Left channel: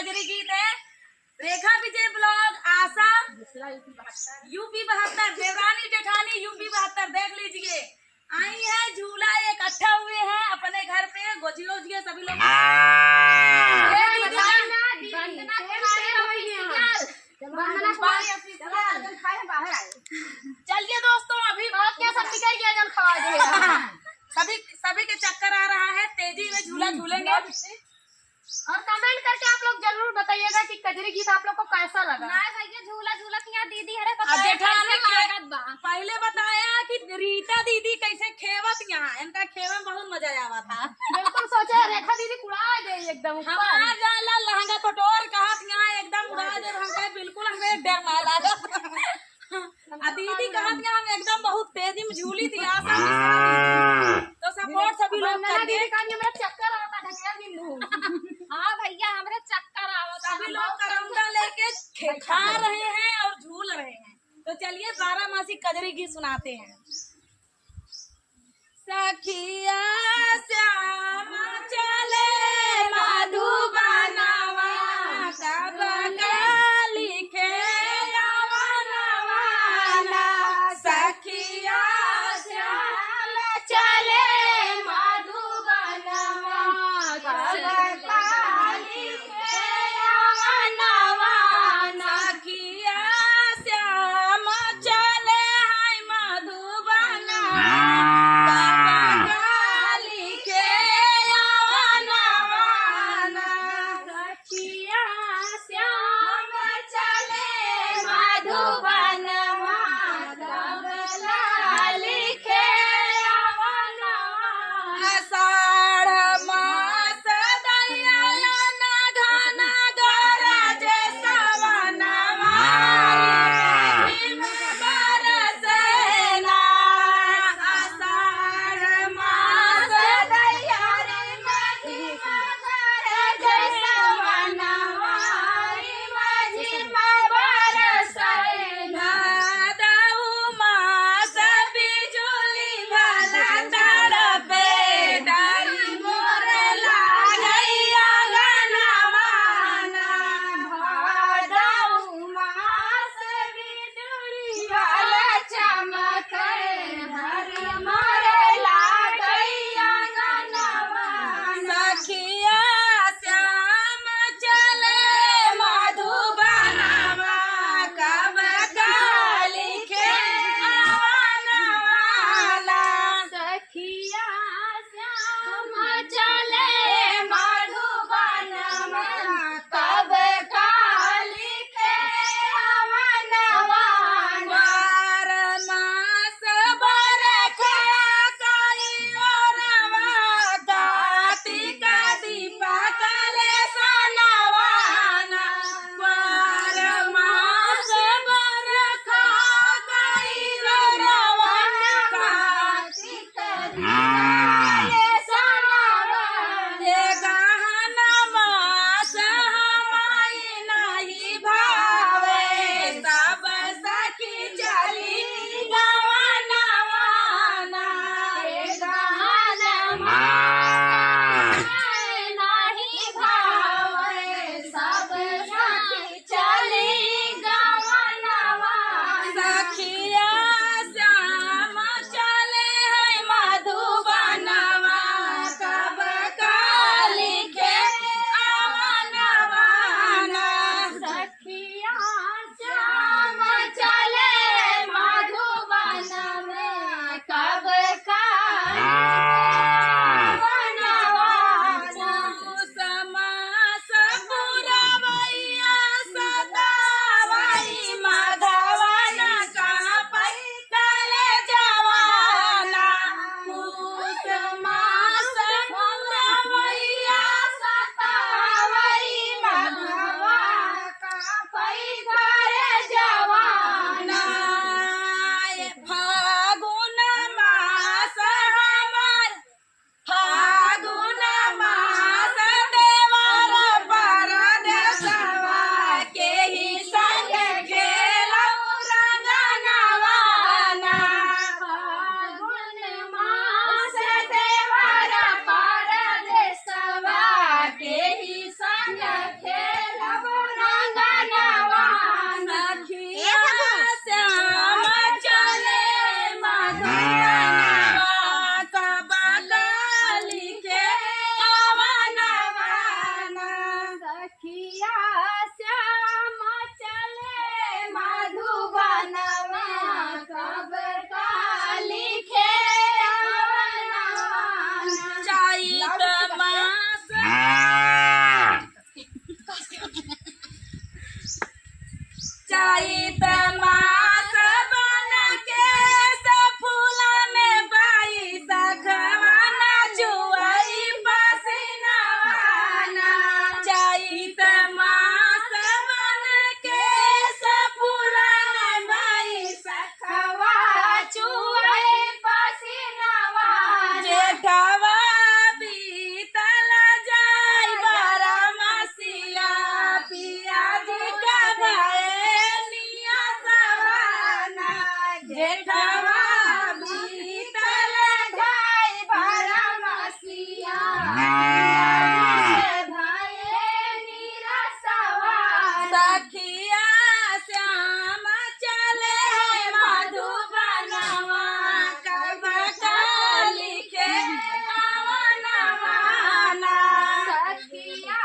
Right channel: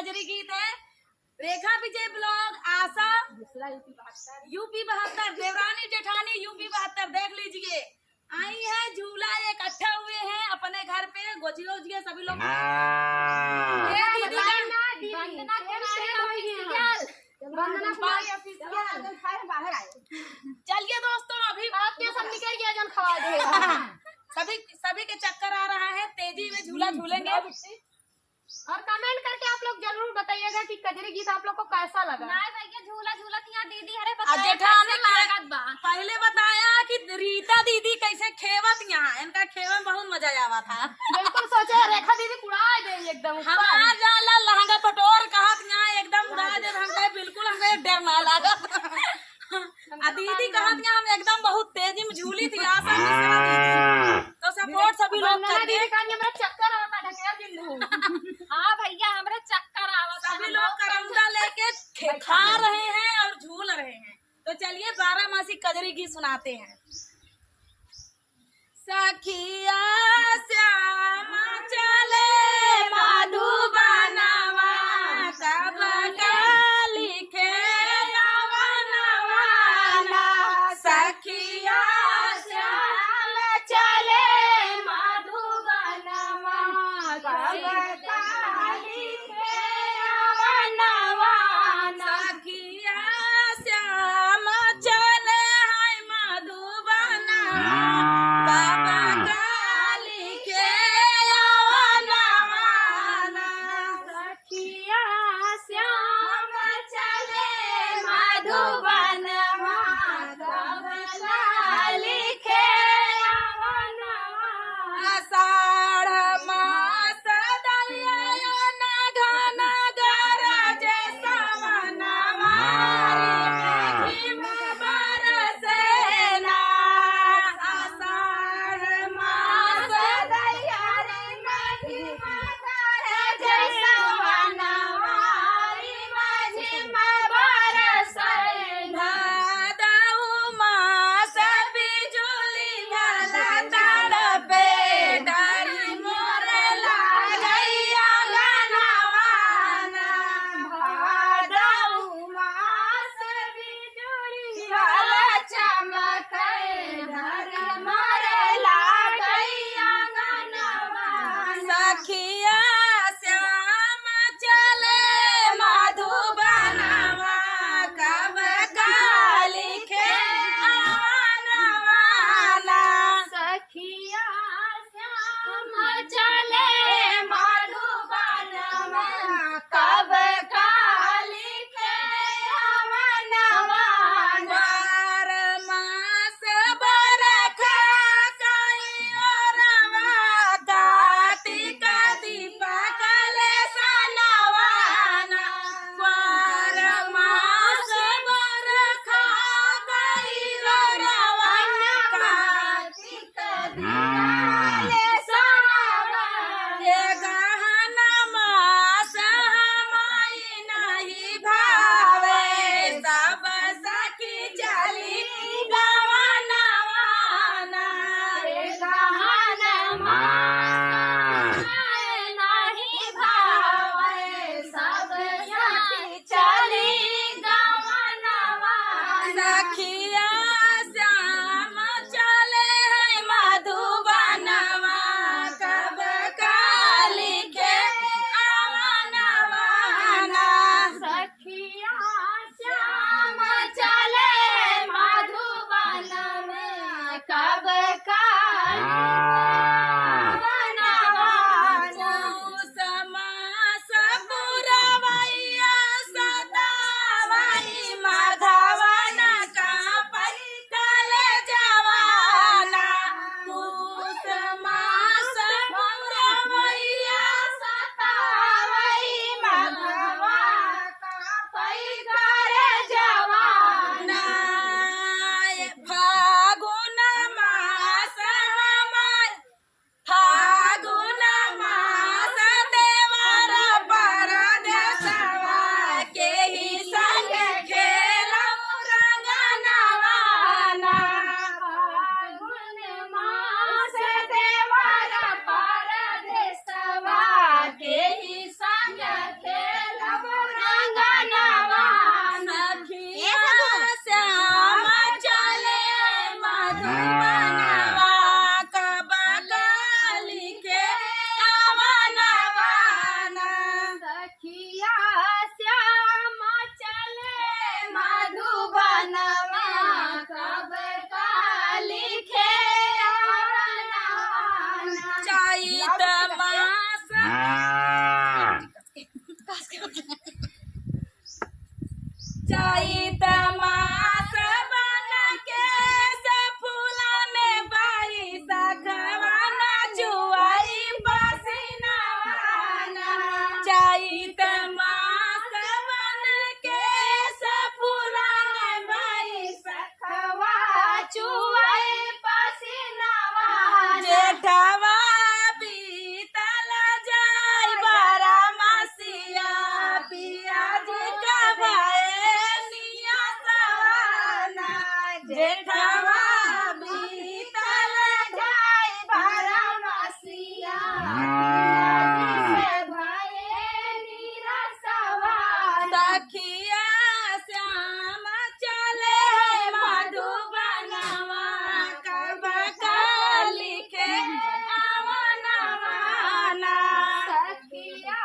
कजरी गीत है। रेखा विजय ब्लॉग, आशा UP 72, Devrani Jethani UP 72, देख लीजिए। आई है झूला इकट्ठा हुए हैं अपने घर पे, गोजियो उजिए सभी लोग। चलिए दोस्तों, अभी सभी के चक्कर आ रहा है, तेजी में झूला झूलेंगे। और कमेंट करके आप लोग जरूर बताइएगा कि कजरी गीत आप लोग को कैसा लगा। भैया झूला झूला यहाँ दीदी हरे पहले बताया कि रीता दीदी कैसे खेवत, यहाँ इनका खेवन बहुत मजा आवा था। बिल्कुल सोचे रेखा दीदी उड़ा दे एकदम। हमारा जाला लहंगा पटोर कहा यहाँ एकदम उड़ा दे, हमके बिल्कुल हमें डर ना लगा। दीदी कहा हम एकदम बहुत तेजी में झूली थी। आशा तो सपोर्ट सभी लोग करिए। चक्कर आता हाँ भैया हमारे चक्कर आवता। सभी लोग करमदा लेके खा रहे हैं और झूल रहे हैं। तो चलिए 12 मासी कजरी गीत सुनाते हैं। सखिया श्याम चले मधुबनवा, सब लिखे सखिया श्याम चले मधुबनवा, सखिया श्याम चले मधुबनवा, लिखे सखिया श्याम चले मधुबनवा, लिखे आषाढ़ मास दयान घन गरज सवनवा, बरसेना। आषाढ़ मास दयान गरज सवनवा, बरसेना। चैत मास मन के सपुरान भाई सखवा चुए पसीनावा जेठवा बीतल जाय बारहमसिया पिया जी का भैनिया सवाना जेठवा बीतल जाय बारहमसिया सखिया श्याम चले मधुबनवा कब लिखे अवनवाना सखिया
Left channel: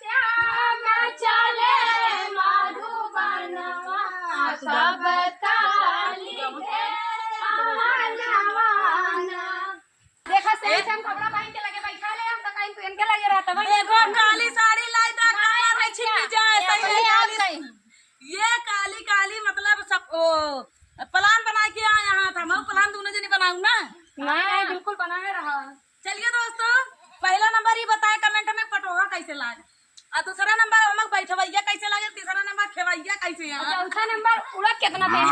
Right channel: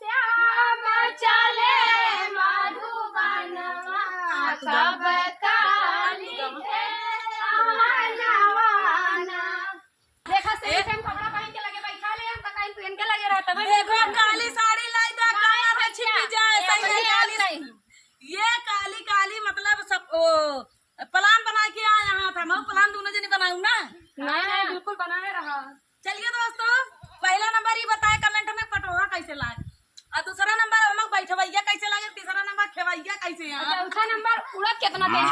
श्याम चले मधुबनवा कब लिखे अवनवाना। देखा सही से हम कपड़ा पहन के लगे बैठा ले हम तो कहीं पहन के लगे रहता भाई। देखो काली साड़ी लाई दा कमर में छिप जाए सही काली ये काली काली मतलब सब प्लान बना के आए यहाँ था मैं प्लान दोनों जने बनाऊं ना। नहीं बिल्कुल बनाए रहा। चलिए दोस्तों पहला नंबर ये बताए कमेंट में पटोहा कैसे लागे और दूसरा नंबर हम बैठवैया कैसे लागे तीसरा नंबर खेवैया कैसे है चौथा नंबर उड़द कितना तेज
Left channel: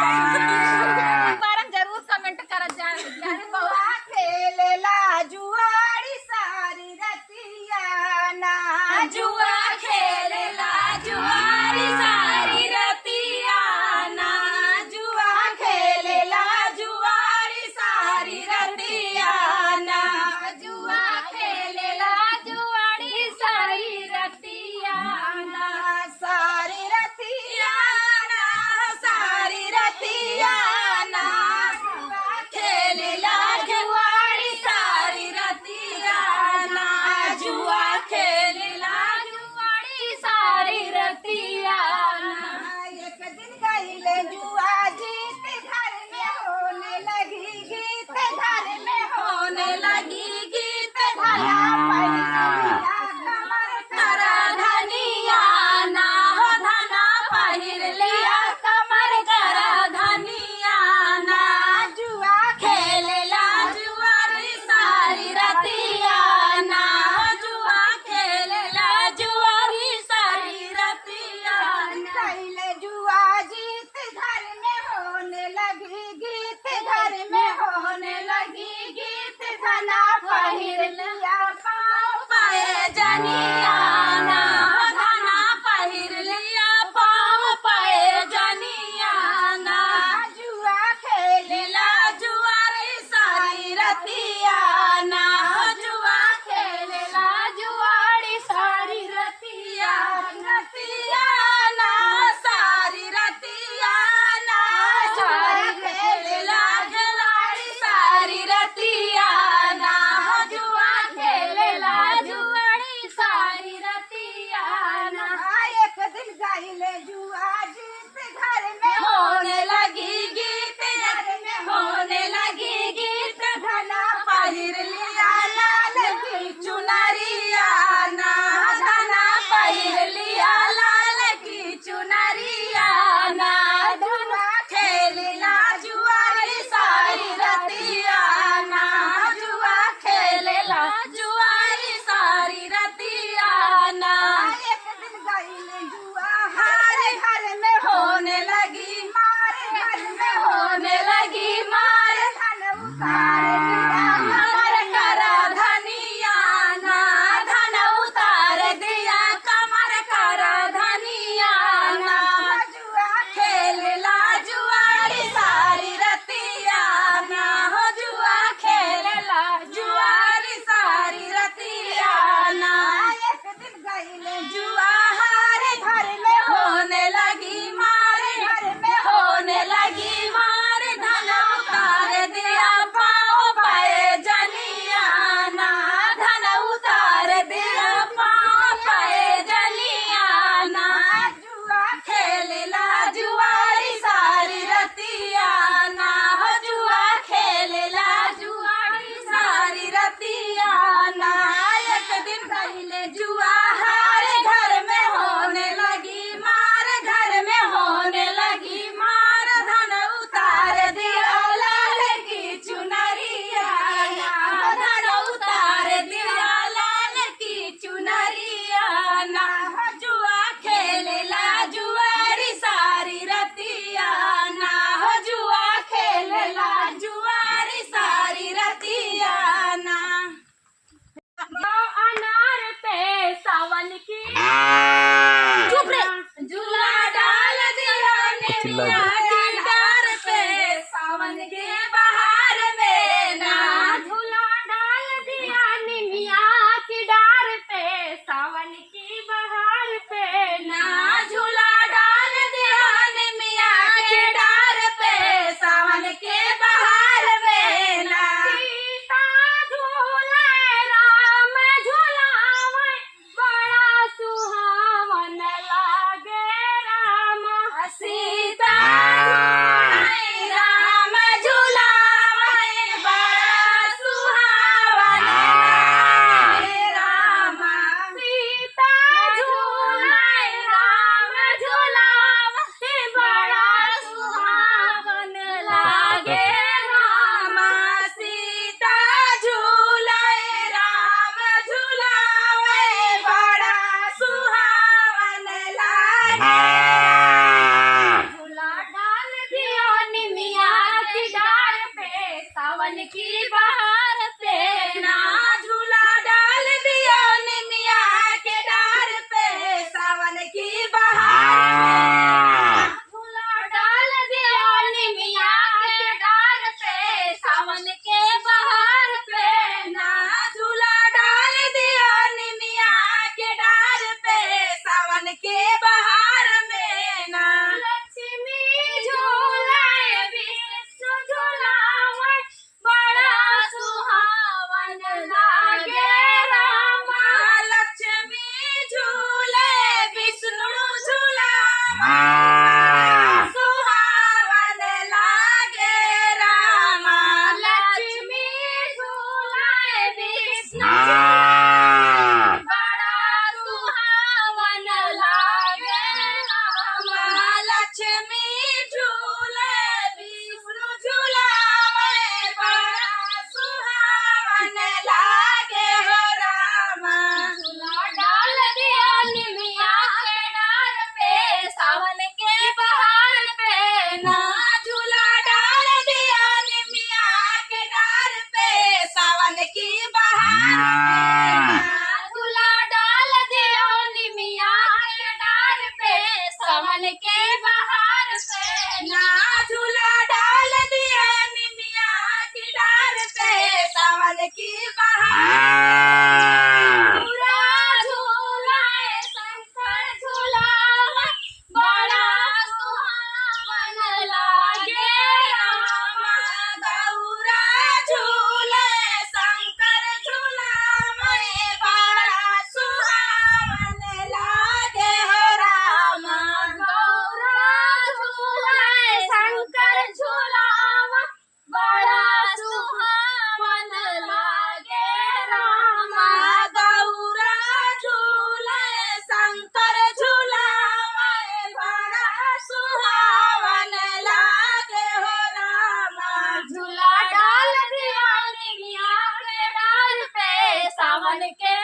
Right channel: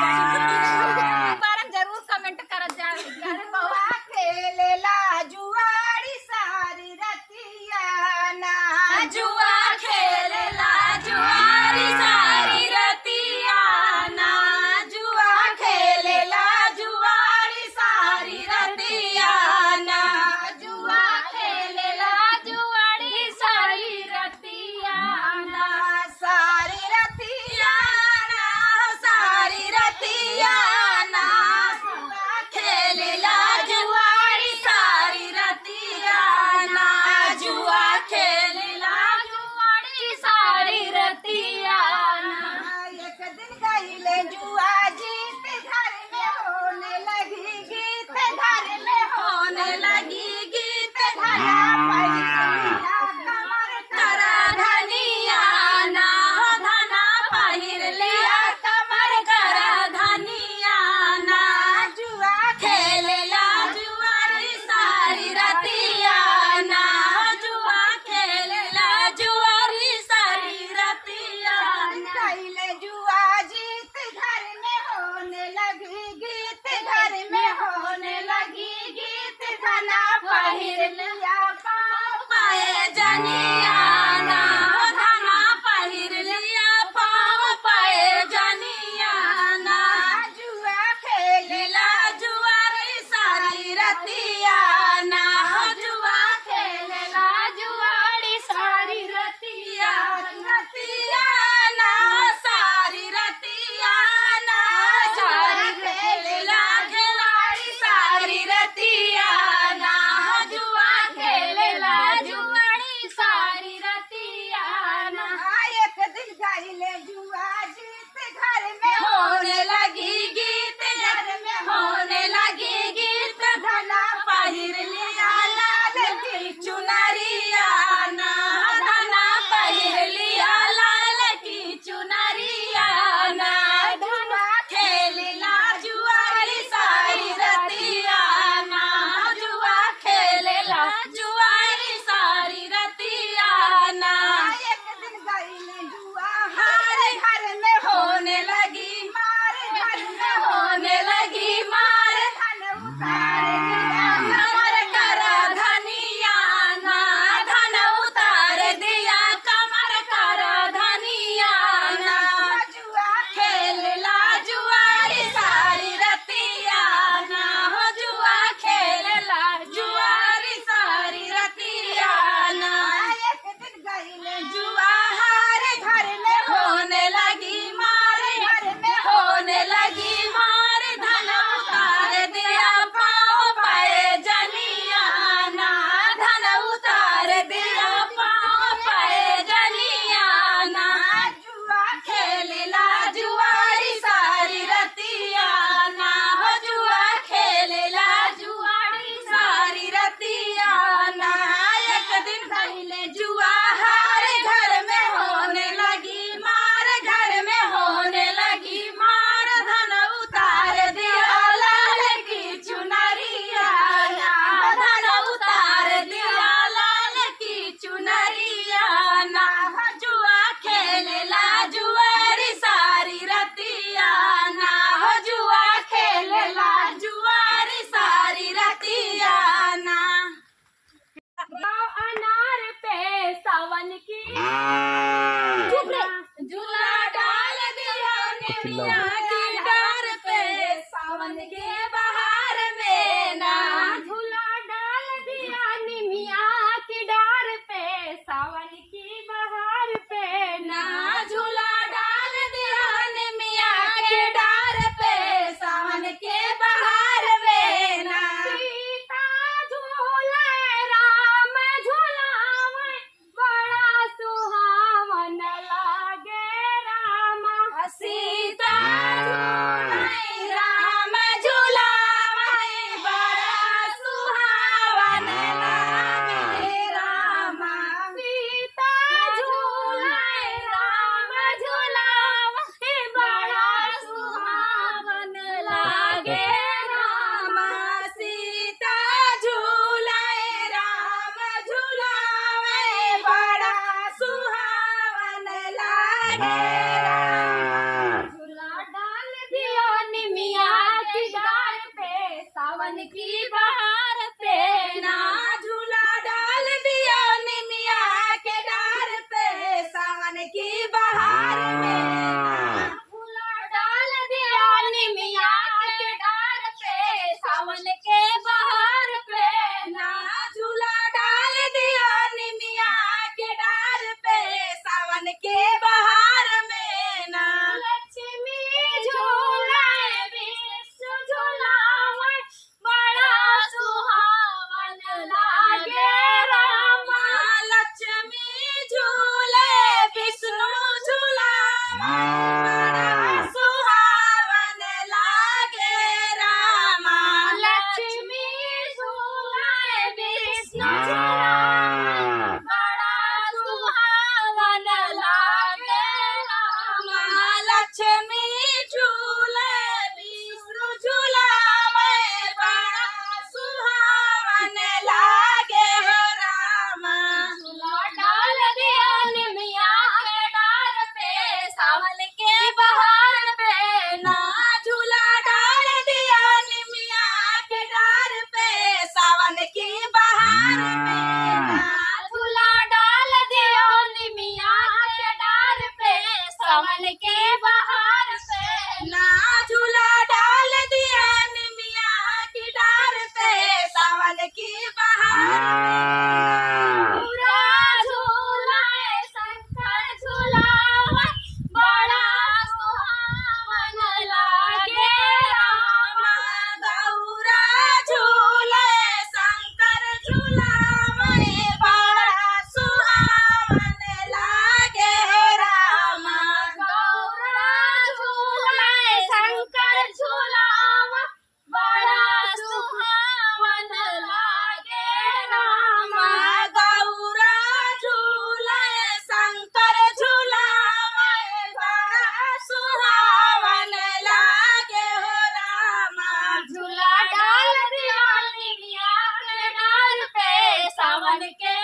बार जरूर कमेंट करत जा। अरे बउआ खेलेला जुआरी सारी रतिया ना जुआ खेलेला जुआरी सारी रतिया ना जुआ खेलेला जुआरी सारी रतिया ना जुआ खेलेला जुआरी सारी रतिया ना सारी रतिया ना सारी रतिया ना खेलेला जुआरी सारी रतिया ना जुआ खेलेला जुआरी सारी रतिया। एक दिन गईले जुआ जीत घर में होने लगी गीत घर में होने लगी गीत धरा पहिरिया कमर करा धनिया ना हो धना पहिर लिया कमर करा धनिया ना जुआ खेलेला जुआरी सारी रतिया ना जुआ खेलेला जुआरी सारी रतिया गईले जुआ जीत घर में होने लगी गीत घर में होने लगी गीत धना पहिर लिया पाँव पाए जनिया ना धना पहिर लिया पाँव पाए जनिया ना जुआ खेलेला जुआरी सारी रतिया ना जुआ खेलेला जुआरी सारी रतिया रतिया ना सारी रतिया ना सारी खेलेला जुआरी सारी रतिया ना जुआ खेलेला जुआरी सारी रतिया ना। एक दिन गईले जुआ जीत घर में होने लगी गीत घर में होने लगी गीत धना पहिर लिया लाल की चुनरिया ना धना पहिर लिया लाल की चुनरिया ना धना खेलेला जुआरी सारी रतिया ना जुआ खेलेला जुआरी सारी रतिया ना। एक दिन गईले जुआ हारे घर में होने लगी मारे घर में होने लगी मारे धन उतार दिया कमर करा धनिया ना धन उतार दिया कमर करा धनिया ना जुआ खेलेला जुआरी सारी रतिया ना हो जुआ खेलेला जुआरी सारी रतिया ना। एक दिन गईले जुआ हारे चिल्ला दे। की डार पे सावन के बहार में ना झूला डाल दिया निमिया की डार पे सावन की बहार पे ना झूला डाल दिया निमिया के डार पे सावन के बहार में ना सीता झूले राम झूलावे बड़ा सुहावन लागे राम सीता राम झूलावे बड़ा सुहावन लागे राम सीता झूले राम झूलावे बड़ा सुहावन लागे राम सीता झूलाए राम झूलावे बड़ा सुहावन लागे झूला डाल दियो निमिया की डार पे सावन की बहार पे ना झूला डाल दिया निमिया के डार पे सावन की बहार में झूला डाल दियो निमिया के डार पे सावन के बहार पे ना झूला डाल दिया निमिया के डार पे सावन के बहार में ना लक्ष्मी झूले विष्णु झूलावे बड़ा सुहावन लागे रामा लक्ष्मी झूले विष्णु झूला सुहावन लागे रामा लक्ष्मी झूले विष्णु बड़ा सुहावन लागे रामा लक्ष्मी झूले विष्णु झूलावे बड़ा सुहावन लागे रामा झूला डाल दिया निमिया के डार पे सावन के बहार पे ना झूला डाल दिया निमिया के डार पे सावन की बहार में झूला डाल दिया निमिया के डार पे सावन के बहार पे ना झूला डाल दिया निमिया की डार पे सावन की बहार पूरा झूला शंकर झूलावे बड़ा सुहावन लागे रामा गौरा झूले शंकर झूलावे बड़ा सुहावन लागे रामा गौरा झूले शंकर झूलावा बड़ा सुहावन लागे रामा गौरा झूले शंकर झूलावे बड़ा सुहावन लागे हो रामा झूला डाल दिया निमिया के डाल पे सावन के